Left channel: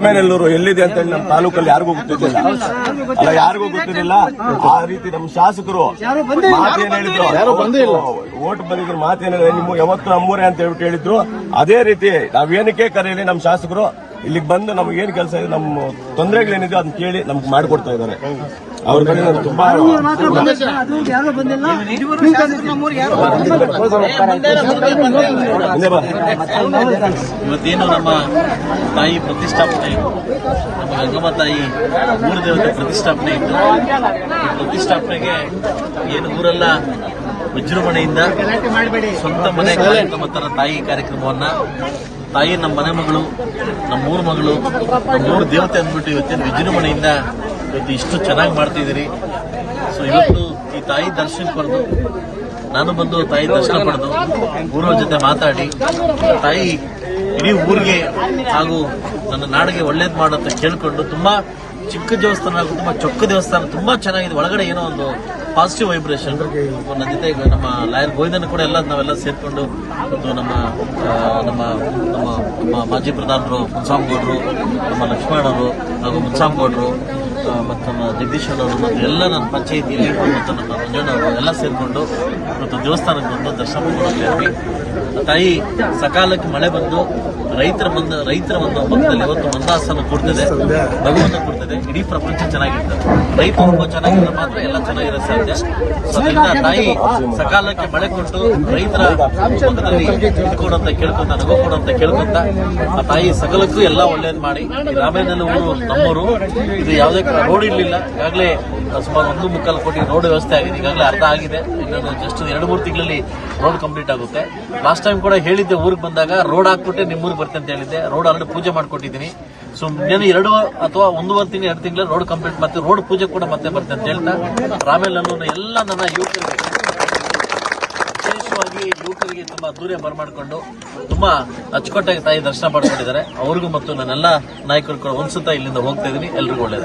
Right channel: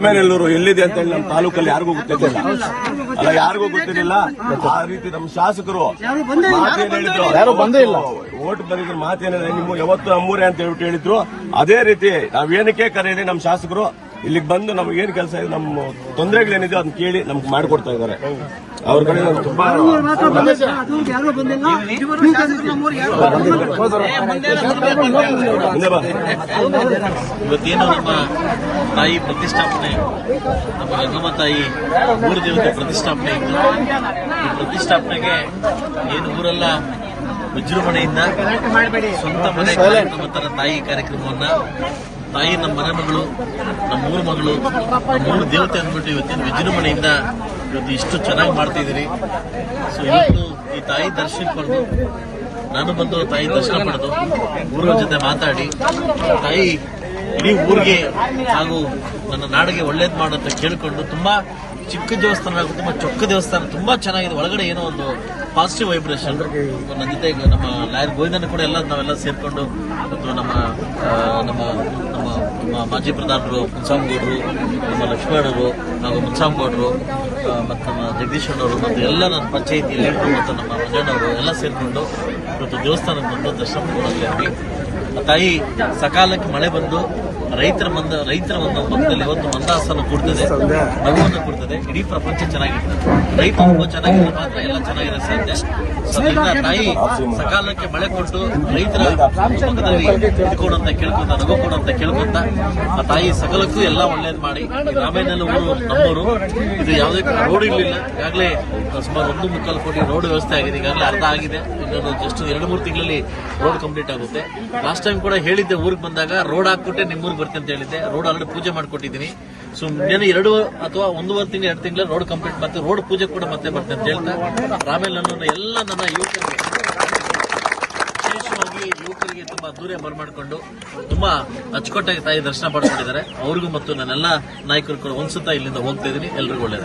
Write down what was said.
ರಾಮೇನಲ್ಲೂರು ಎಲ್ಲಿದೆ ಅಂತ ಹೇಳಿ ನಮ್ಮ ತಾಲೂಕಲ್ಲಿ ಯಾರಿಗೂ ಗೊತ್ತಿರಲಿಲ್ಲ. ಅಲ್ಲ, ಯಾರಿಗೂ ಗೊತ್ತಿರಲಿಲ್ಲ. ಆ ರೀತಿ ನಮ್ಮ ಶಾಸಕರು ಮಾತೇನ್ ಹೇಳಿದ್ರು, ಓಟ್ ಬಂದಿದ್ರು ಮಾತೇನ ನಿಮ್ಗೆ ಯಾವತ್ತು ನಮ್ಮೂರೇ ಅಂತ ಹೇಳ್ಬಿಟ್ಟು ಹೇಳಿದ್ರು. ಅದೇ ರೀತಿ ನಾವೇನಕ್ಕೆ ಕರೆಯಲಿ ನಮ್ಮ ಶಾಸಕರು ಇಲ್ಲಿಗೆ ಬಂದು ನಮ್ಗೆ ಏನ್ ಕೆಲಸ ಇದೆ, ನಮ್ಮ ತೊಂದರೆಗಳೇನಿದೆ ಅದನ್ನ ಕೇಳಿ ನಮ್ಗೆ ಮಾಡಿಕೊಡ್ತಾ ಇದ್ದಾರೆ. ಅವ್ರ ಕಡೆ ನಾನು ತುಂಬಾ ಇವತ್ತೇನು ನಮ್ಮ ತಾಯಿ ಪ್ರತಿಷ್ಠಾಪನೆ, ನಮ್ಮ ಗಂಗಮ್ಮ ತಾಯಿ ಮೂರು ದೇವತೆ ಪ್ರತಿಷ್ಠಾಪನೆ ಇತ್ತು. ಈ ಪ್ರತಿಷ್ಠಾಪನೆಗೆ ಏನು ಊರೆಲ್ಲ ವಿಜೃಂಭಣೆಯಿಂದ ಸ್ವಂತ ಮನೆ ಕಾರ್ಯಕ್ರಮ ತರ ತಾಯಿ ಕಾರ್ಯಕ್ರಮವನ್ನ, ತಾಯಿ ನಮ್ಮ ಮನೆ ಮಗಳು, ನಮ್ಮೂರು ಮಗಳು, ನಮ್ಮೂರು ದೇವತೆ ಅಂದ್ಬಿಟ್ಟು ಇವತ್ತೇನು ವಿಜೃಂಭಣೆಯಿಂದ ಇವತ್ತು ಇಷ್ಟು ಚೆನ್ನಾಗಿ ಮಾಡ್ತಿದ್ದೀರಿ. ಸೊ ಇವತ್ತು ಈ ತಾಯಿ ದರ್ಶನ ಪಡೆದು, ನಾನು ಬಂದು ತಾಯಿ ದರ್ಶನ ಪಡೆದು ಊರವ್ರ ಜೊತೆ ಮಾತಾಡಿ ತಾಯಿ ಇಡೀ ಊರಿಗೆ ಹಾಗೂ ನನ್ನ ನಾಡಿಗೆ ಒಳ್ಳೇದು ಮಾಡುತ್ತೆ ಕೇಳ್ಕೊಂಡು, ತುಂಬಾ ಚಿಕ್ಕ ದೇವಸ್ಥಾನ ಹಾಗೂ ತುಂಬಾ ಚೊಕ್ಕ ದೇವಸ್ಥಾನ, ತುಂಬಾ ಚೆನ್ನಾಗಿದೆ. ಒಳಗಡೆ ಏನೋ ಒಂದು ಪಾಸಿಟಿವ್ ವೈಬ್ರೇಷನ್. ನನ್ನ ಜೊತೆ ನಮ್ಮ ಲಾಯರ್ ಗೋವಿಂದನ್ ಕೂಡ ನಾವೆಲ್ಲ ಸೇರ್ಕೊಂಡು ಮತ್ತು ನಮ್ಮ ನಮ್ಮ ನಮ್ಮ ಮಾಜಿ ಪ್ರಧಾನರು ಮುನ್ಸಾಮ್ಗೌಡರು, ನಮ್ಮ ಲಕ್ಷ್ಮಣರು ಹಾಗೂ ಮುನ್ಸಾಮ್ಗೌಡರು ಮತ್ತು ನಮ್ಮ ಜಗದೀಶ್ ಅವರು ಮತ್ತು ಎಲ್ಲ ನನ್ನ ಪಂಚಾಯಿತಿ ಲೀಡರು ಮತ್ತು ನಮ್ಮ ಮಂಜಣ್ಣವರು ಎಲ್ಲ ಸೇರ್ಕೊಂಡು ಇವತ್ತು ದೇವಸ್ಥಾನಕ್ಕೆ ಬಂದು ದರ್ಶನ ಮಾಡಿದ್ವಿ. ತಾಯಿ ಸಕಾಲಕ್ಕೆ ಮಳೆ ಬಂದು ರೈತರ ಒಂದು ಪಕ್ಕದಲ್ಲಿ ಇವತ್ತು ಮಂದಾಸನ ಕೊಡ್ತದೆ, ನಗುವನ್ನು ಕೊಡ್ತದೆ. ಇಡೀ ಪ್ರಪಂಚ ಚೆನ್ನಾಗಿರ್ತದೆ. ರೈತ ಒಬ್ಬ ಚೆನ್ನಾಗಿದ್ರೆ ಮಾತ್ರ ಎಲ್ಲ ಚೆನ್ನಾಗಿರೋ ಸಾಧ್ಯ. ಅದರಿಂದ ತಾಯಿ ಸಕಾಲಕ್ಕೆ ಮಳೆ ಕೊಟ್ಟು ರೈತರ ಪಕ್ಕದಲ್ಲಿ ಇದ್ಕೊಡಂತ ಕೇಳ್ಕೊಂತ, ನಗು ಕೊಡುವಂತ ಕೇಳ್ಕೊಂತ, ಆ ತಾಯಿ ಸಕಲಕ್ಕೂ ಎಲ್ಲ ಒಳ್ಳೇದು ಮಾಡಿ. ರಾಮೇನಲ್ಲ ಊರು ನಮ್ಮೂರು. ಇದು ಯಾವುದೇ ರೋಡ್ ಇರಲಿಲ್ಲ. ಈಗಾಗಲೇ ಸುಮಾರು 1.25 ಕೋಟಿ ರೋಡ್ ವ್ಯವಸ್ಥೆ ಆಗಿದೆ. ಈಗಾಗಲೇ ಅರ್ಧ ಆಗಿದೆ. ಇನ್ನೊಂದು ಜಸ್ಟ್ 2-3 ತಿಂಗಳಲ್ಲಿ ರೋಡ್ ಕಂಪ್ಲೀಟ್ ಆಗುತ್ತೆ. ಲಾಸ್ಟ್ ಟೈಮ್ ಕೂಡ ಹೇಳಿದ್ದೆ, ಊರಿಗೆ ಬಂದಾಗ ರೋಡ್ ಹಾಕ್ಬಿಟ್ಟೆ ನಿಮ್ಮೂರಿಗೆ ಬರ್ತೇನೆ ಅಂತ ಹೇಳಿದ್ದೆ. ರೋಡ್ ಆಲ್ರೆಡಿ ಪೂಜೆ ಮಾಡ್ಕೊಟ್ಟಿದ್ದೀನಿ. ಸೊ నేను 2 ಅಥವಾ 1.5 ತಿಂಗಳು 2 ತಿಂಗಳ ರೋಡ್ ಕಂಪ್ಲೀಟ್ ಮತ್ತೆ ರೋಡ್ ಪೂಜೆ ಕೂಡ ಮತ್ತೆ ಬರ್ತೇನೆ ಅಂತ ಹೇಳ್ತಾ, ರಾಮೇನಲ್ಲೂರಿನ ಎಲ್ಲ ನನ್ನ ಯುವಕರಿಗೆ, ವಿಶೇಷವಾಗಿ ಯುವಕರಿಗೆ ತುಂಬಾ ದೂರ ಬರಮಾಡಿಕೊಂಡು ತುಂಬಾ ಅಚ್ಚುಕಟ್ಟಾಗಿ ತಾಯಿ ದರ್ಶನ ಪಡ್ಕೊಂಡಿದ್ದಾರೆ. ಅವ್ರಿಗೂ ಮತ್ತು ನನ್ನೆಲ್ಲ ನಾಯಕರು ಕೂಡ ಒಂದ್ಸತ ಇಲ್ಲಿಂದ ಹೋಗ್ತಾ ಇದ್ದೀನಿ. ಎಲ್ರಿಗೂ ಒಳ್ಳೆಯದು.